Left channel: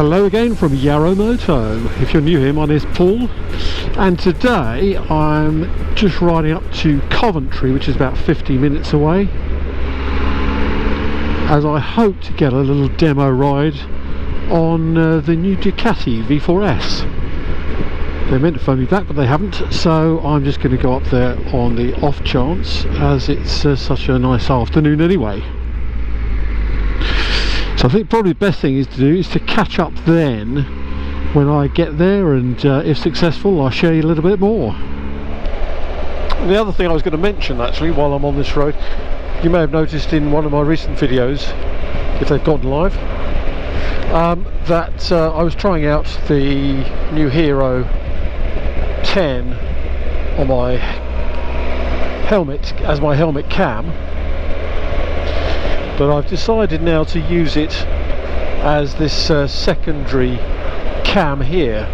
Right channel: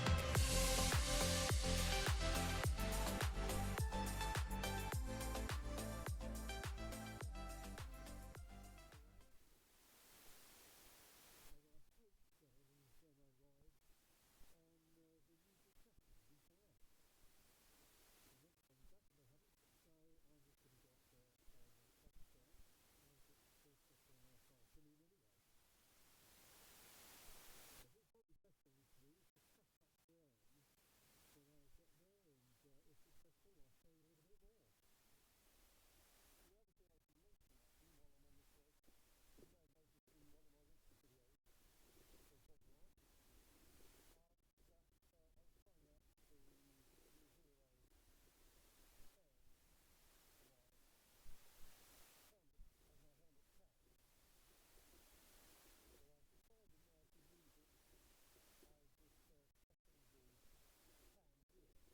Hello again from Yarro Moto. If you're new here, my name is Paul, and today I'm just riding up to Coventry, which is about 50 minutes away, as I hope to get a little demo ride on the new Ducati V4S. They meant to phone me back, but they haven't, so I'm just going to go up there on the off chance, as it's such a nice afternoon anyway. So I think probably the best thing is to catch up then when I get there, and if successful I'll show you a little bit more. And the other thing I was going to mention actually while I'm on this road, you may have noticed in one of my recent videos, if they've gone live, that I was trying out the new Hero 10 on my helmet as my helmet cam. But I've decided now to use it as this secondary cam here,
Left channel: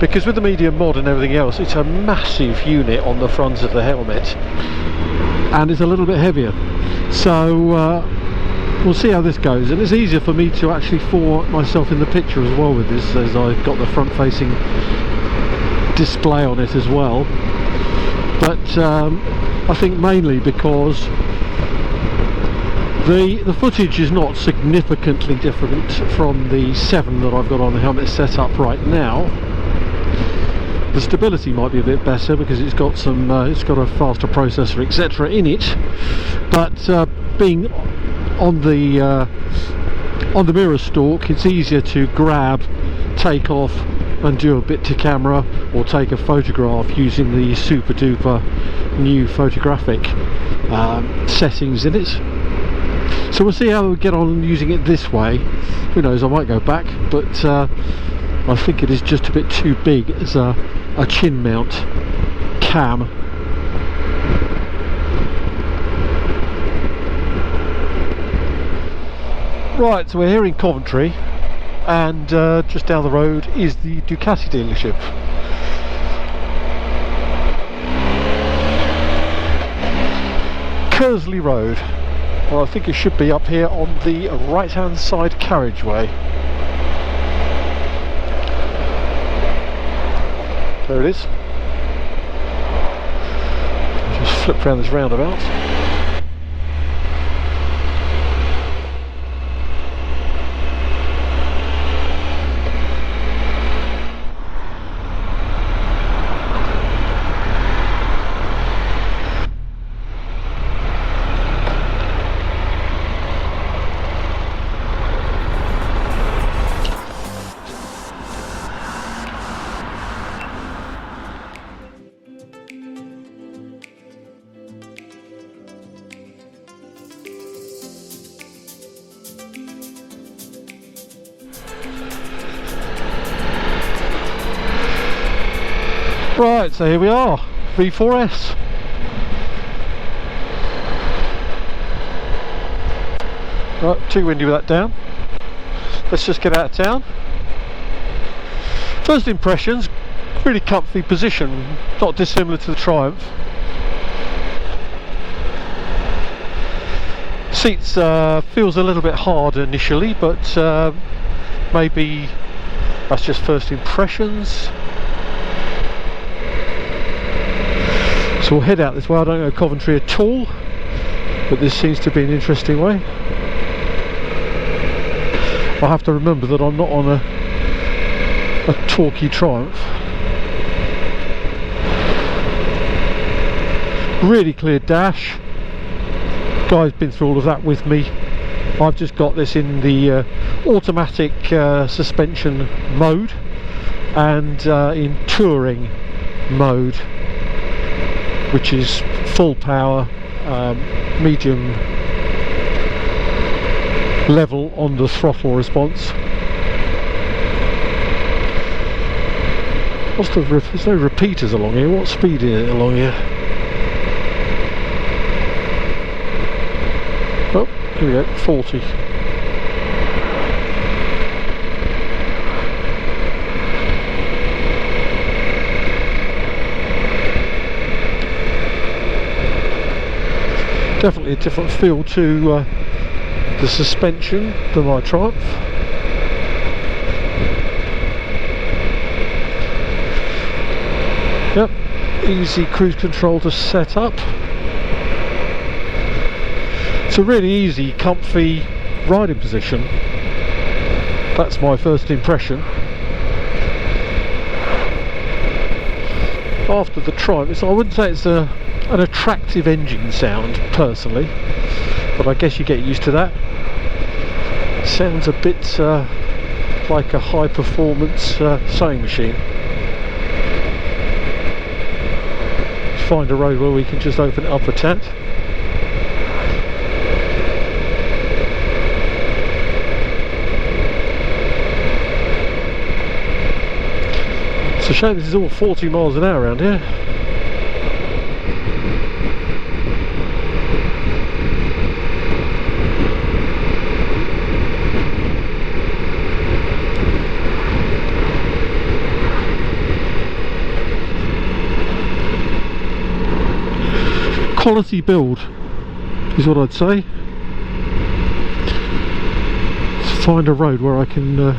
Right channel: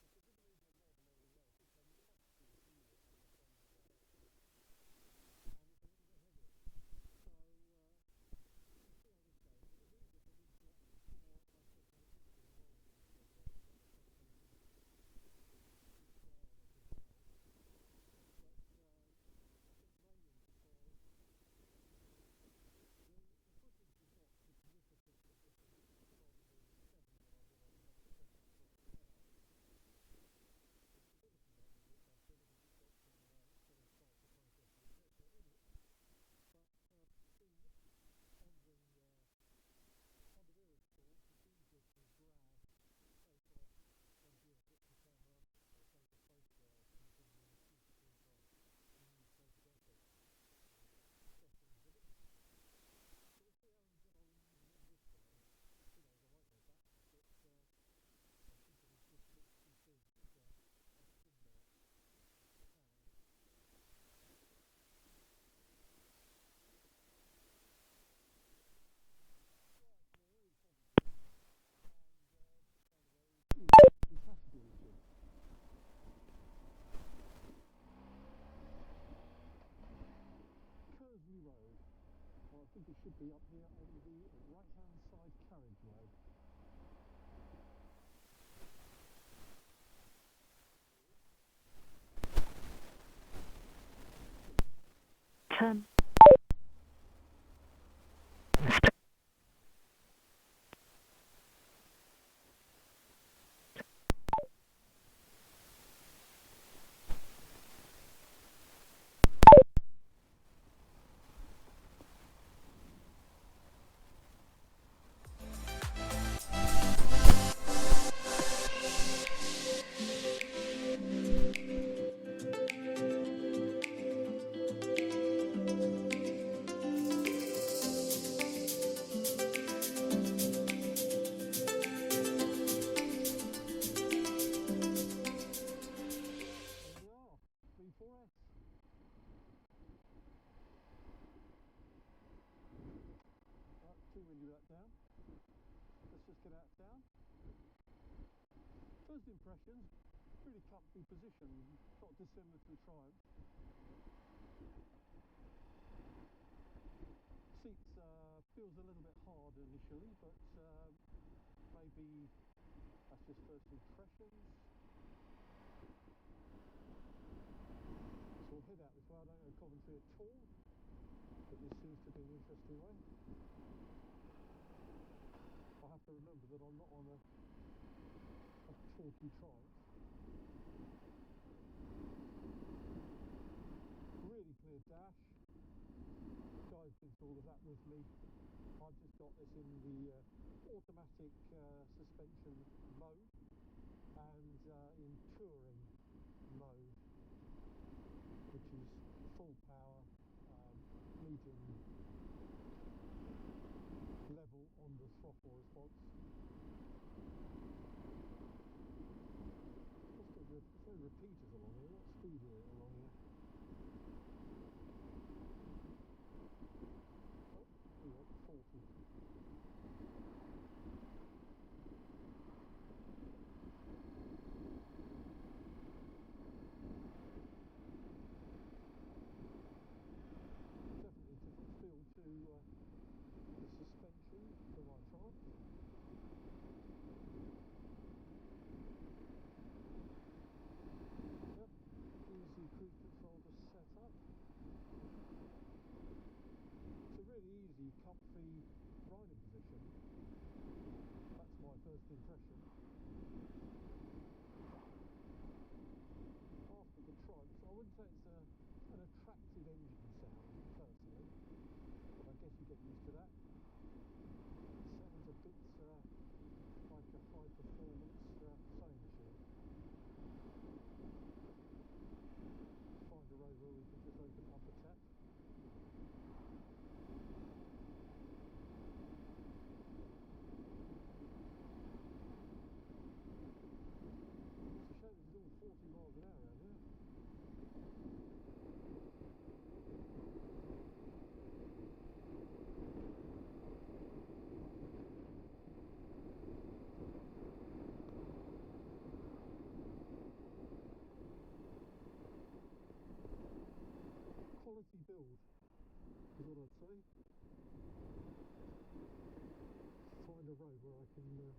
because with the medium mod and everything else, it's a massive unit on the front of the helmet and it's a little bit heavier, so we'll see how this goes. And it's easier for me to actually format myself in the picture as well with this, as I've got the front facing display on it as well. But I think mainly because the footage is not significantly different from the 7 that I've got on the helmet set up right now. The stability might be a bit better because it's got some it's got a faster processor etc in it, but being on the mirror stalk, it's easier to grab, take off and do a bit to camera or take a photograph using the super duper new photographic settings in it. So we'll see how we get on using it this way. Who knows, I might go back, but I think it is just a bit too big as a chin mount cam. Right, so we're here in Coventry, and just down the road is the Ducati dealership. Kersley Road. Well, I think it should be up here on the right hand side carriageway. There it is. Just flip around this roundabout. Right, so here we are, V4S. Right, too windy with that down. Let's just get out of town. First impressions, really comfy position, not dissimilar to the Triumph. Seats feels a little bit hard initially, but maybe that's just first impressions. So we'll head out this way. I don't know Coventry at all, but this seems to be an interesting way. I have to remember that I'm not on a talky Triumph. Really clear dash. Guy's been through all of that with me. I've just got this in the automatic suspension mode and in touring mode, which is full power, medium level on the throttle response. There's no repeaters along here. What speed is it along here? Oh, here we go, 40. Definitely a different feel to the suspension than my Triumph. Easy cruise control to set up. It's a really easy, comfy riding position. That's my first impression. After the Triumph, I wouldn't say it's an attractive engine sound personally, but I guess you get used to that. It sounds a bit like a high performance sewing machine. Let's find a road where we can just open it up a tad. It's a shame this is all 40 miles an hour around here. Quality build is what I'd say. Let's find a road where I can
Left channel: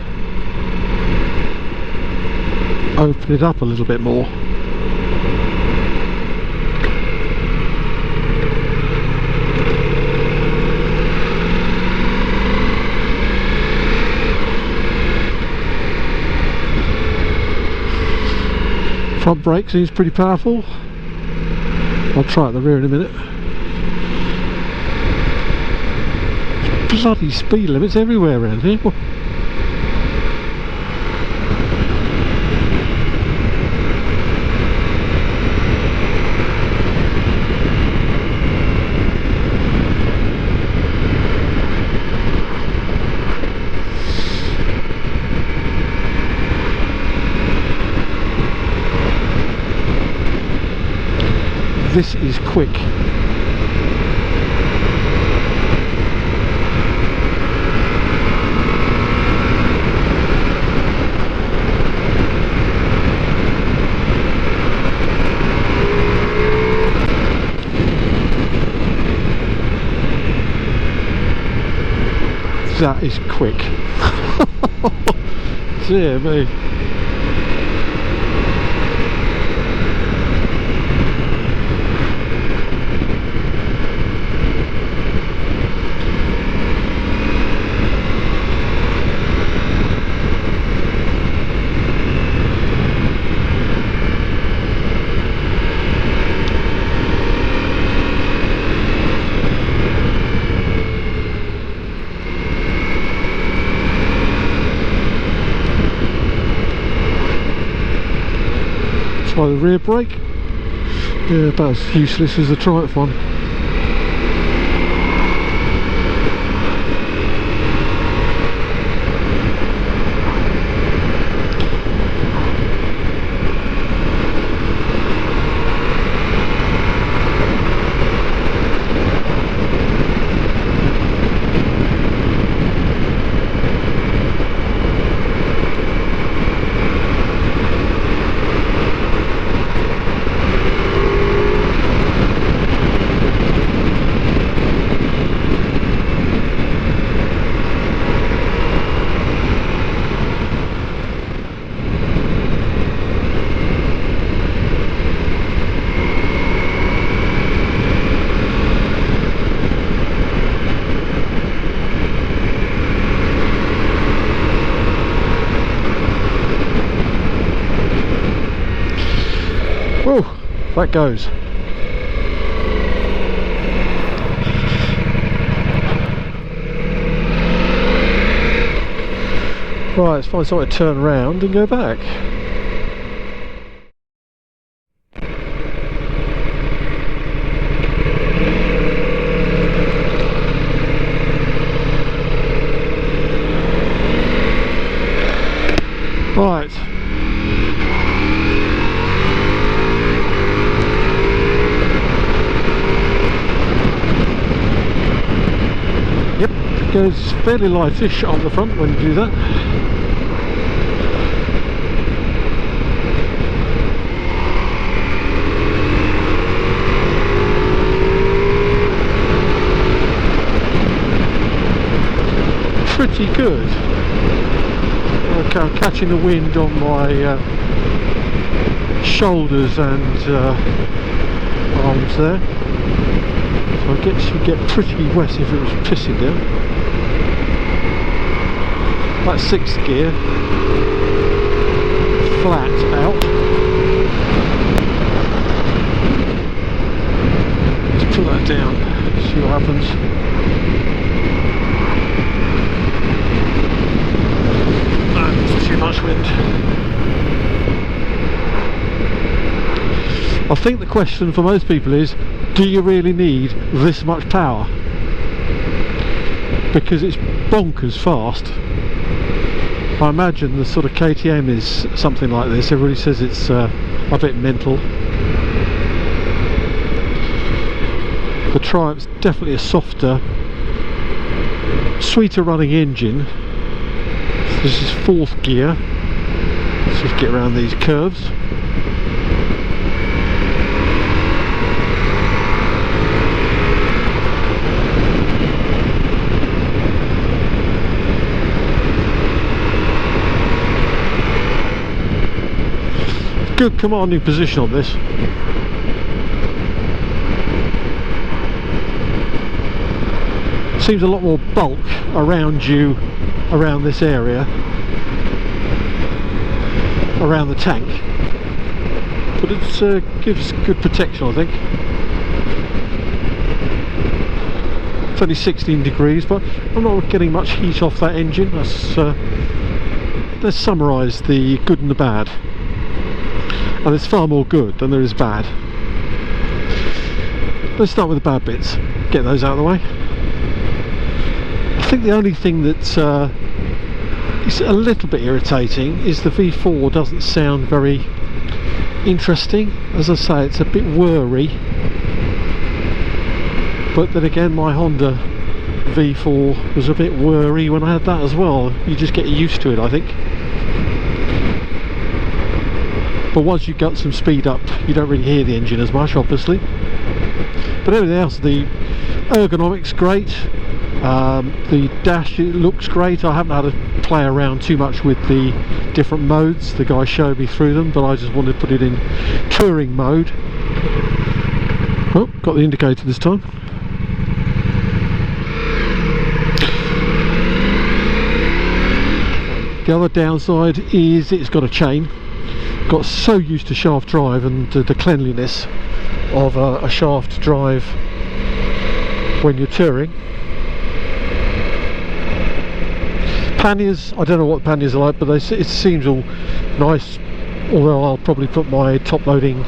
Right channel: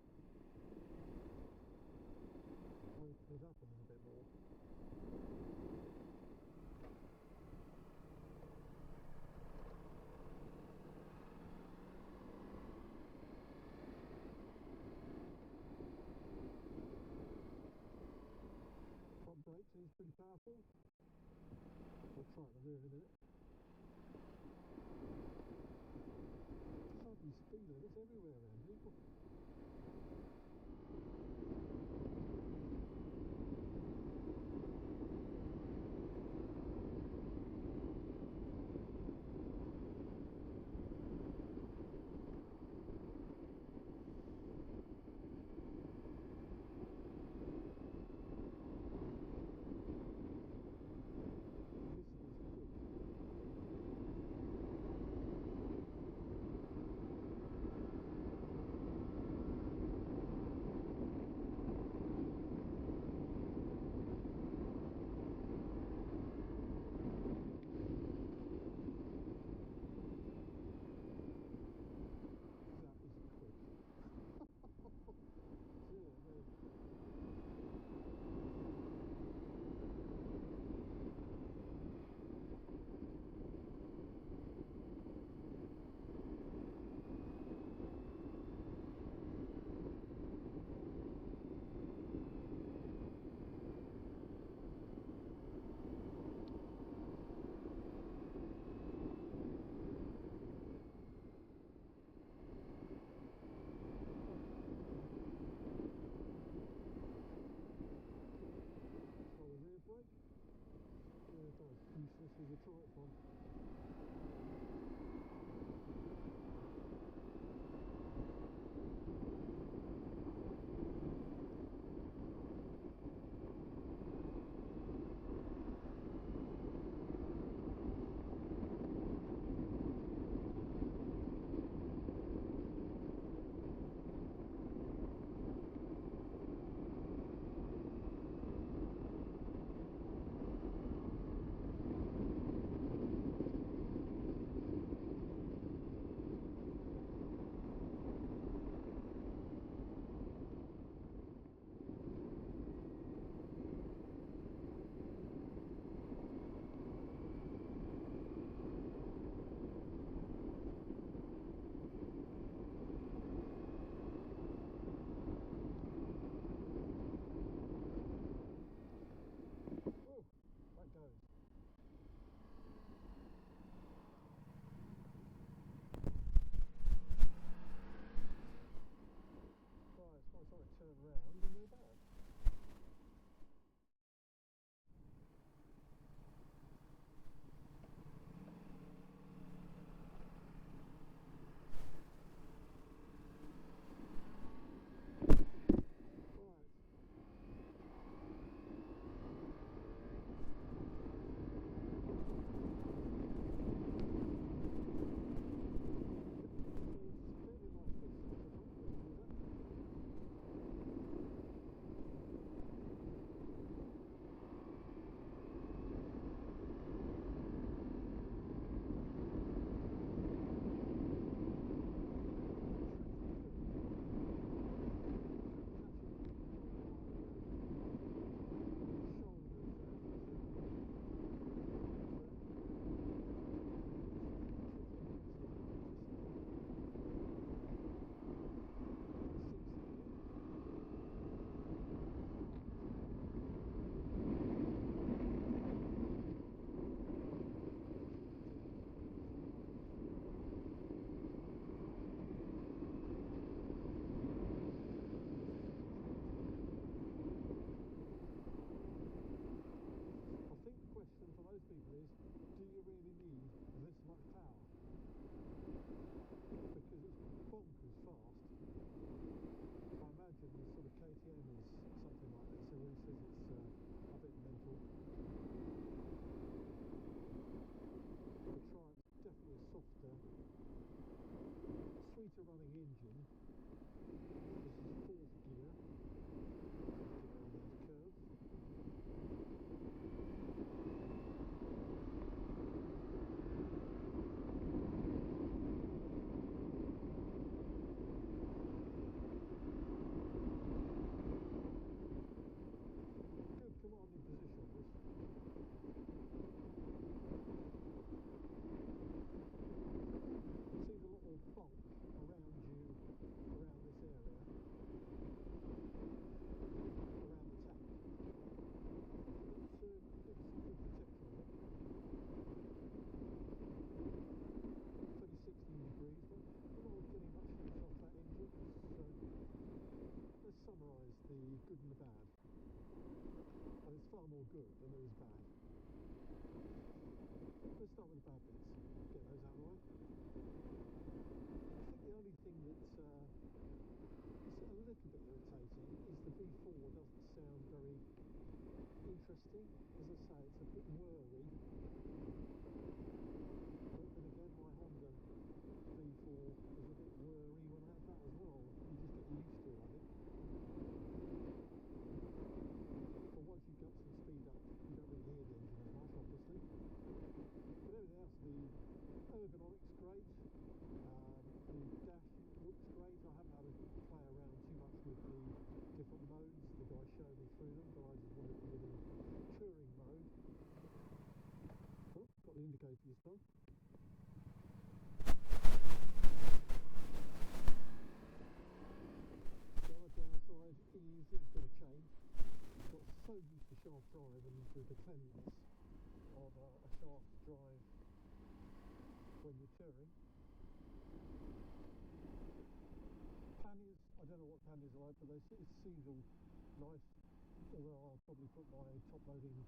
open it up a little bit more. Front brake seems pretty powerful. I'll try at the rear in a minute. Bloody speed limits everywhere around here. This is quick. That is quick. Dear me. Try the rear brake. Yeah, about as useless as the Triumph one. Whoa, that goes. Right, let's find somewhere to turn around and go back. Right. Yep, it goes fairly lightish on the front when you do that. Pretty good. Okay, I'm catching the wind on my shoulders and arms there, so I guess you'd get pretty wet if it was pissing down. That's 6th gear, flat out. Let's put that down, see what happens. That's too much wind. I think the question for most people is, do you really need this much power? Because it's bonkers fast. I imagine the sort of KTM is something like this. Everybody says it's a bit mental. The Triumph's definitely a softer, sweeter running engine. This is 4th gear. Let's just get around these curves. Good commanding position on this. Seems a lot more bulk around you, around this area, around the tank, but it gives good protection, I think. It's only 16 degrees, but I'm not getting much heat off that engine. Let's summarise the good and the bad. And there's far more good than there is bad. Let's start with the bad bits, get those out of the way. I think the only thing that is a little bit irritating is the V4 doesn't sound very interesting. As I say, it's a bit whirry, but then again my Honda V4 was a bit whirry when I had that as well. You just get used to it, I think. But once you've got some speed up, you don't really hear the engine as much, obviously. But everything else, the ergonomics great, the dash, it looks great. I haven't had to play around too much with the different modes. The guy showed me through them, but I just wanted to put it in touring mode. Oh, got the indicator this time. The other downside is it's got a chain. Got so used to shaft drive and the cleanliness of a shaft drive when you're touring. Panniers, I don't know what panniers are like, but it seems all nice, although I'll probably put my top loading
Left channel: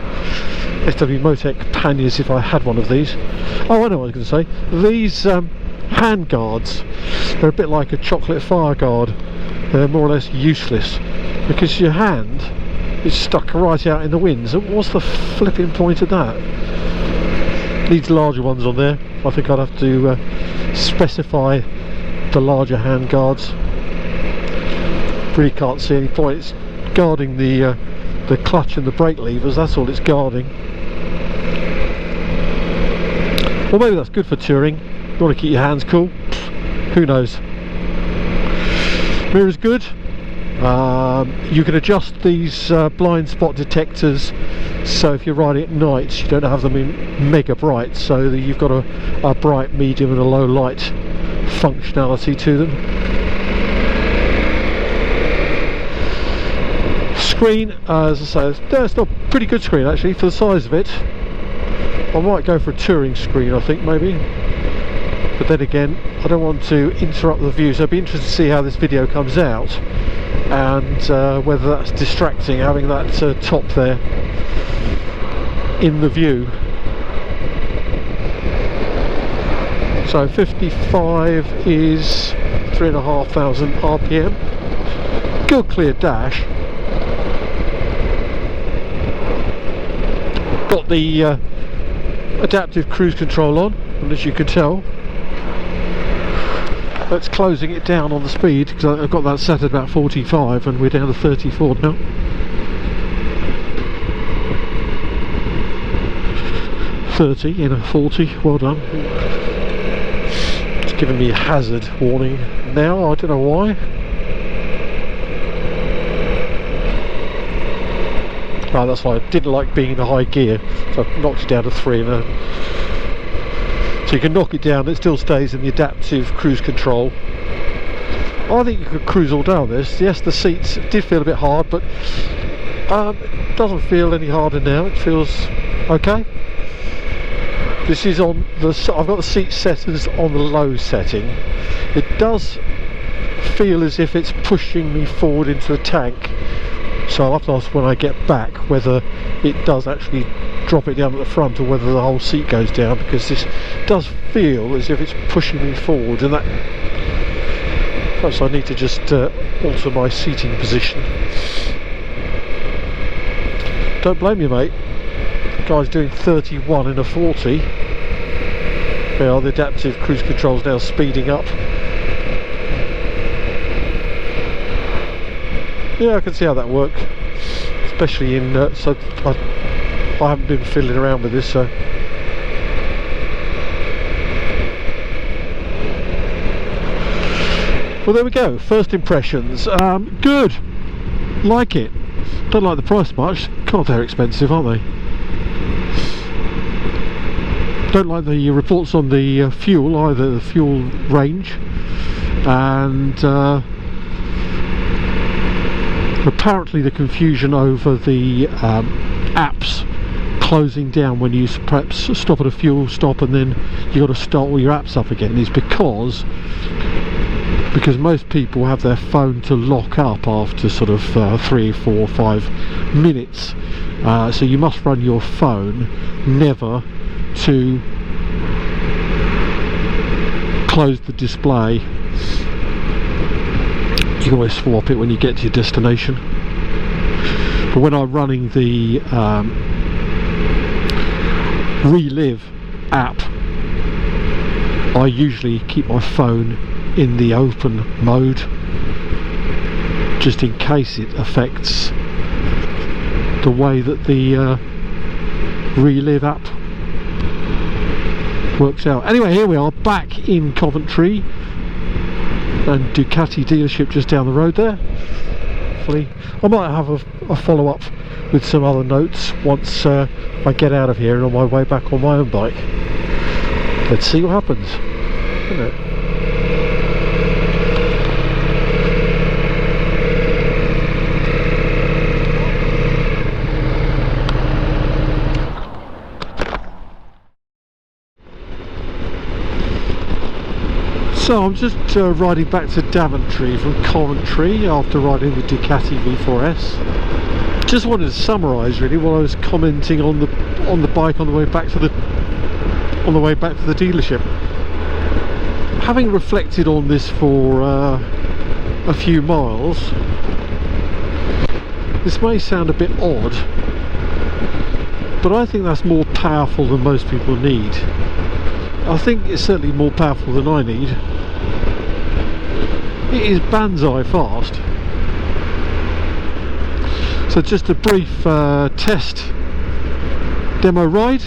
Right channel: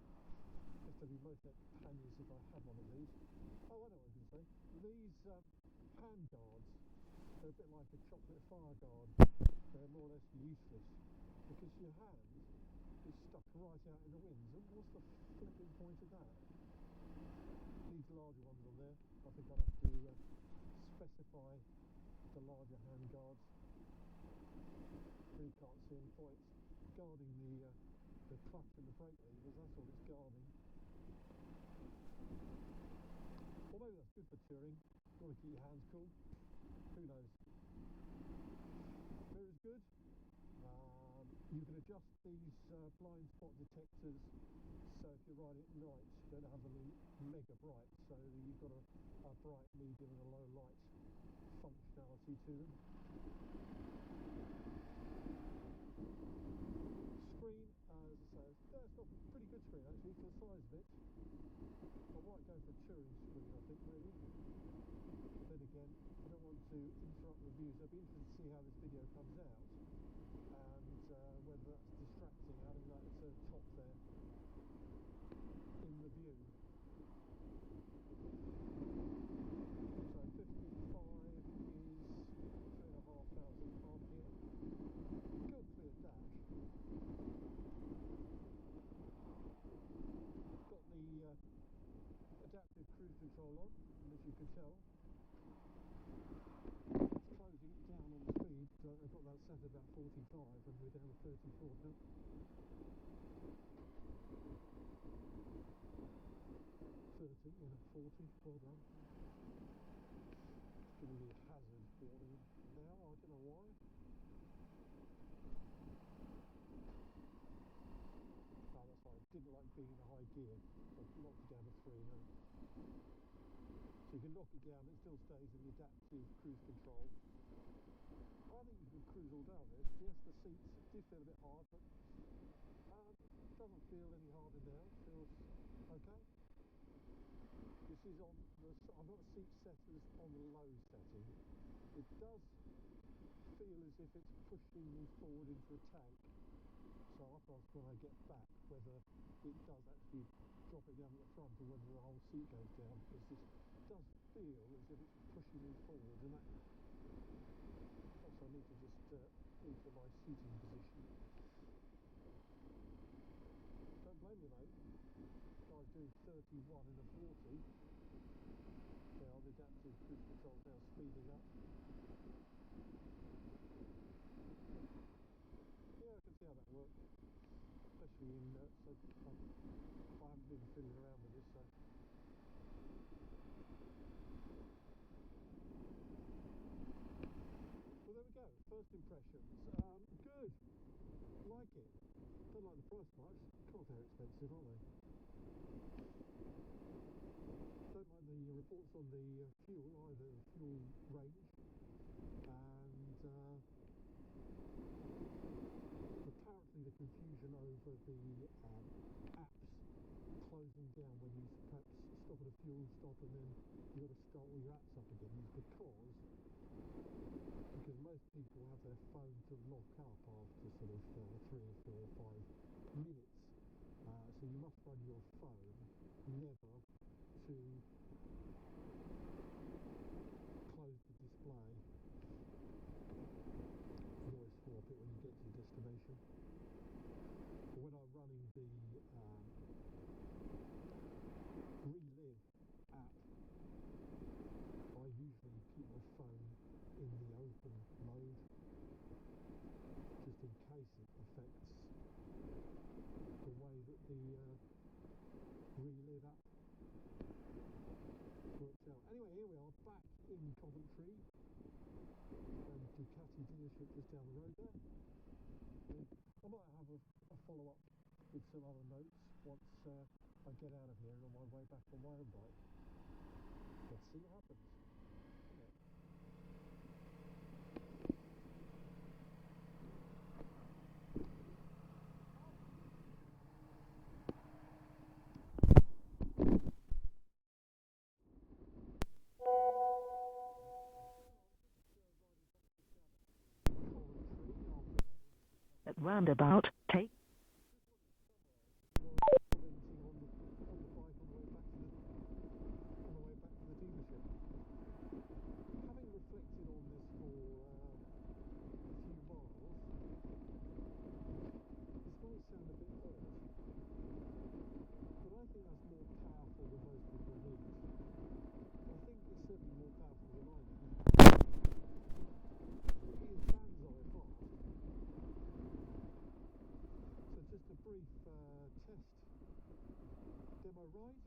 SW Motec panniers if I had one of these. Oh, I know what I was going to say. These hand guards, they're a bit like a chocolate fire guard. They're more or less useless because your hand is stuck right out in the wind. So what's the flipping point of that? Needs larger ones on there. I think I'd have to specify the larger hand guards. Really can't see any point. It's guarding the clutch and the brake levers. That's all it's guarding. Well, maybe that's good for touring. You want to keep your hands cool. Who knows? Mirror's good. You can adjust these blind spot detectors, so if you're riding at night you don't have them in mega bright, so that you've got a bright, medium and a low light functionality to them. Screen, as I say, it's not a pretty good screen actually for the size of it. I might go for a touring screen, I think, maybe, but then again I don't want to interrupt the view, so I'd be interested to see how this video comes out and whether that's distracting, having that top there in the view. So 55 is 3,500 RPM. Good clear dash. Got the adaptive cruise control on, and as you can tell, that's closing it down on the speed, because I've got that set at about 45 and we're down to 34 now. .30 in a 40, well done. It's giving me a hazard warning now, I don't know why. Oh, that's why I didn't like being in a high gear, so I knocked it down to 3 and so you can knock it down, it still stays in the adaptive cruise control. I think you could cruise all down this. Yes, the seats did feel a bit hard, but it doesn't feel any harder now. It feels okay. This is on the, I've got the seat settings on the low setting. It does feel as if it's pushing me forward into the tank, so I'll have to ask when I get back whether it does actually drop it down at the front or whether the whole seat goes down, because this does feel as if it's pushing me forward, and that perhaps I need to just alter my seating position. Don't blame you, mate. The guy's doing 31 in a 40. Yeah, the adaptive cruise control's now speeding up. Yeah, I can see how that works, especially in so I haven't been fiddling around with this, so well, there we go. First impressions. Good. Like it. Don't like the price much. God, they're expensive, aren't they? Don't like the reports on the fuel either, the fuel range, and apparently the confusion over the apps closing down when you perhaps stop at a fuel stop and then you got to start all your apps up again is because most people have their phone to lock up after sort of 3, 4, 5 minutes, so you must run your phone never to close the display. You can always swap it when you get to your destination, but when I'm running the Relive app, I usually keep my phone in the open mode just in case it affects the way that the Relive app works out. Anyway, here we are back in Coventry, and Ducati dealership just down the road there. Hopefully I might have a follow-up with some other notes once I get out of here and on my way back on my own bike. Let's see what happens, isn't it? So I'm just riding back to Daventry from Coventry after riding the Ducati V4S. Just wanted to summarise really while I was commenting on the bike on the way back to the dealership. Having reflected on this for a few miles, this may sound a bit odd, but I think that's more powerful than most people need. I think it's certainly more powerful than I need. It is banzai fast. So just a brief test demo ride.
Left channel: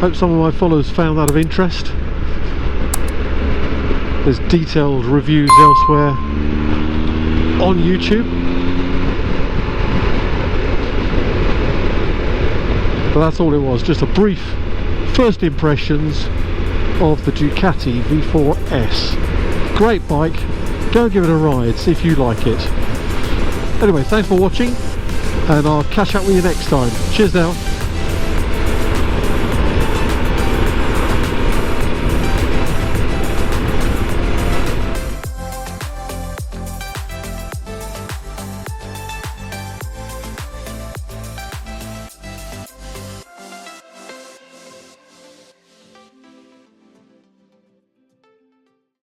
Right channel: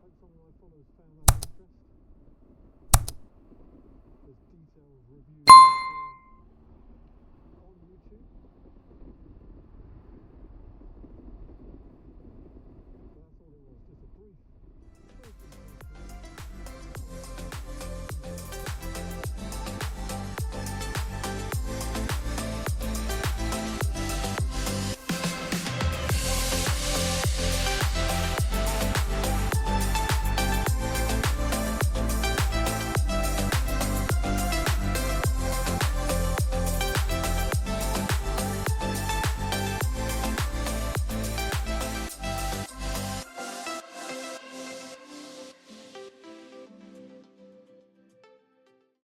Hope some of my followers found that of interest. There's detailed reviews elsewhere on YouTube. But that's all it was, just a brief first impressions of the Ducati V4S. Great bike, go and give it a ride, see if you like it. Anyway, thanks for watching, and I'll catch up with you next time. Cheers now.